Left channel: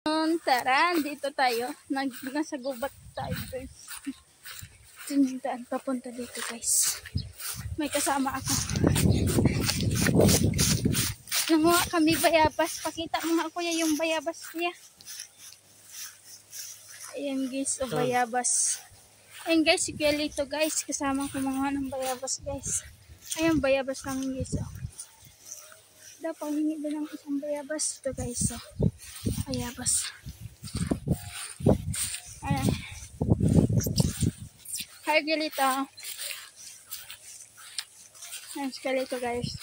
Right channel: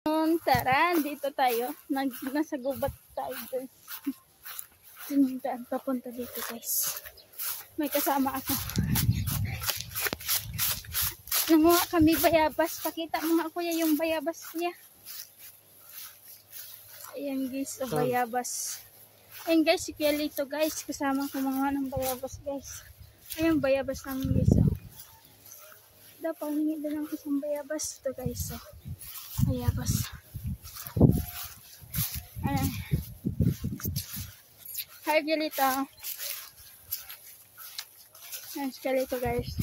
Tara, dito tayo. Nasa gubat tayo, guys. Sinundan papunta dito, guys. May kasama ako. Nanguha kami bayabas. Pakita mo nga, kuya, yung bayabas niya. Ayan, guys, o bayabas. Ayan, guys, si Kuya Lito, guys. Kasama ko mga ng bayabas, guys. Ayan, bayabas lang, guys, o. Dapat hingi din ng isang bayabas. Ito, guys, o. Bayabas. Ayan. Hi, Kuya Lito. Ayan, si Kuya Lito, guys.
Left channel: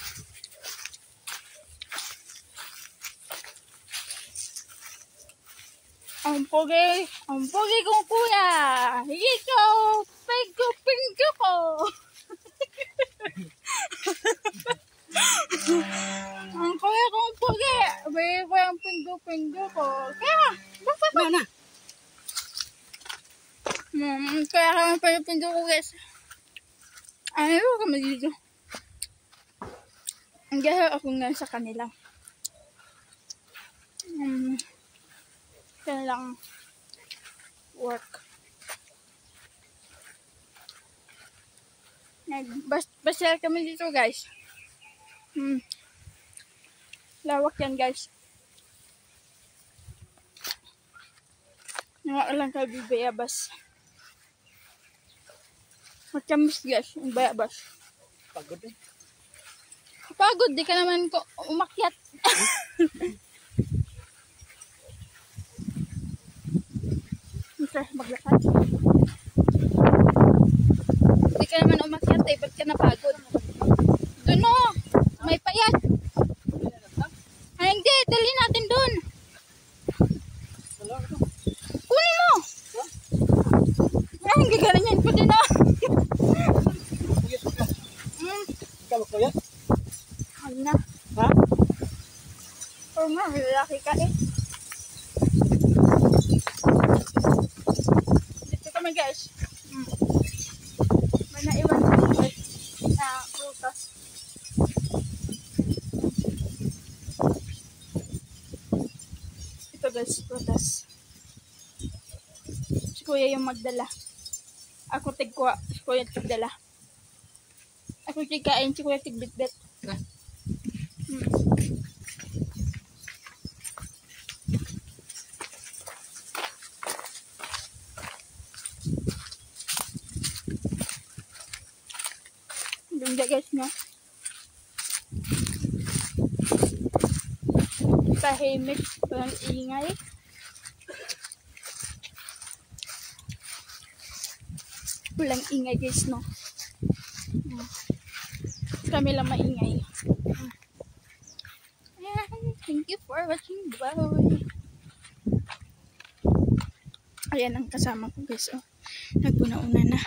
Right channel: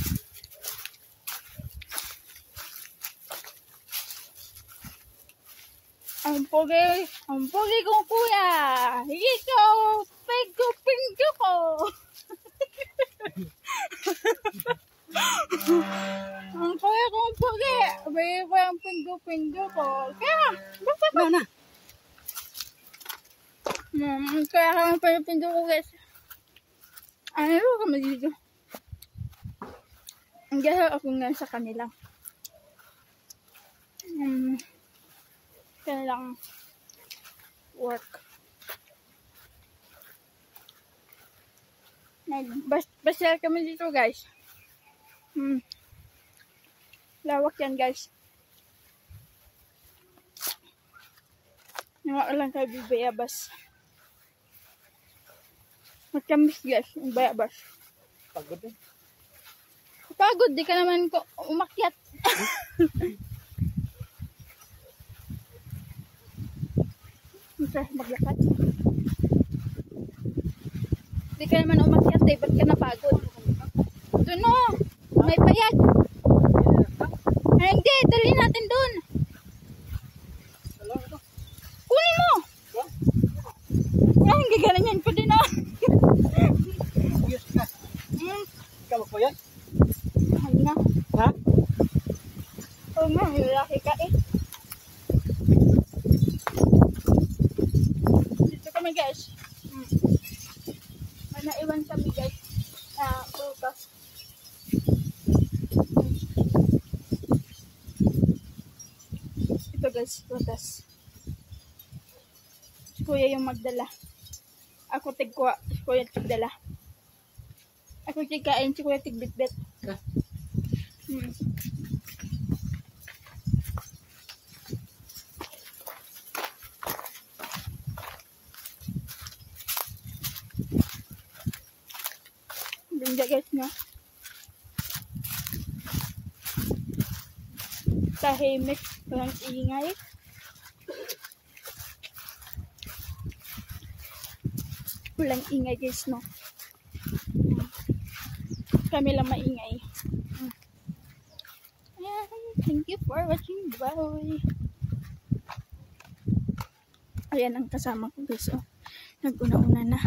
Ang pogi kong kuya. Ikaw, pingo ko. Ang kuya kong pogi. Bayo ang pingo ko. Kaya, basta ba na? Kaya kami pingo ko, guys. Ano kami dito? Ang gaya ako nga sa kanila. Kailang work. Basta kami dito, guys. Lawak yan, guys. Nga lang kami bayabas. Matamis, guys, yung bayabas. Pagod eh. Pagod, di ka naman ko umakyat. Maglakad. Di ka naman umakyat eh, ba't ka napagod? Doon o, may payat. Ay, hindi, dali natin doon. Kunin mo. Ay, hindi ganyan ko din o. Ikaw magpayat? Ano na? Ha? Oo nga, lalaki ka eh. Dito kami, guys. May naiwan dito, guys. Prutas. Ito, guys, prutas. Si Kuya yung magdala. Ako tigkuha. Si Kuya tigdala. Ako tigkain. Si Kuya tigbitbit. Ganda, guys, no? Tahimik, walang ingay. Walang ingay, guys, no? Kami lang maingay. Ayan, thank you for watching. Bye! Ayan ang kasama ko, guys, oh. Nagpuna-una na.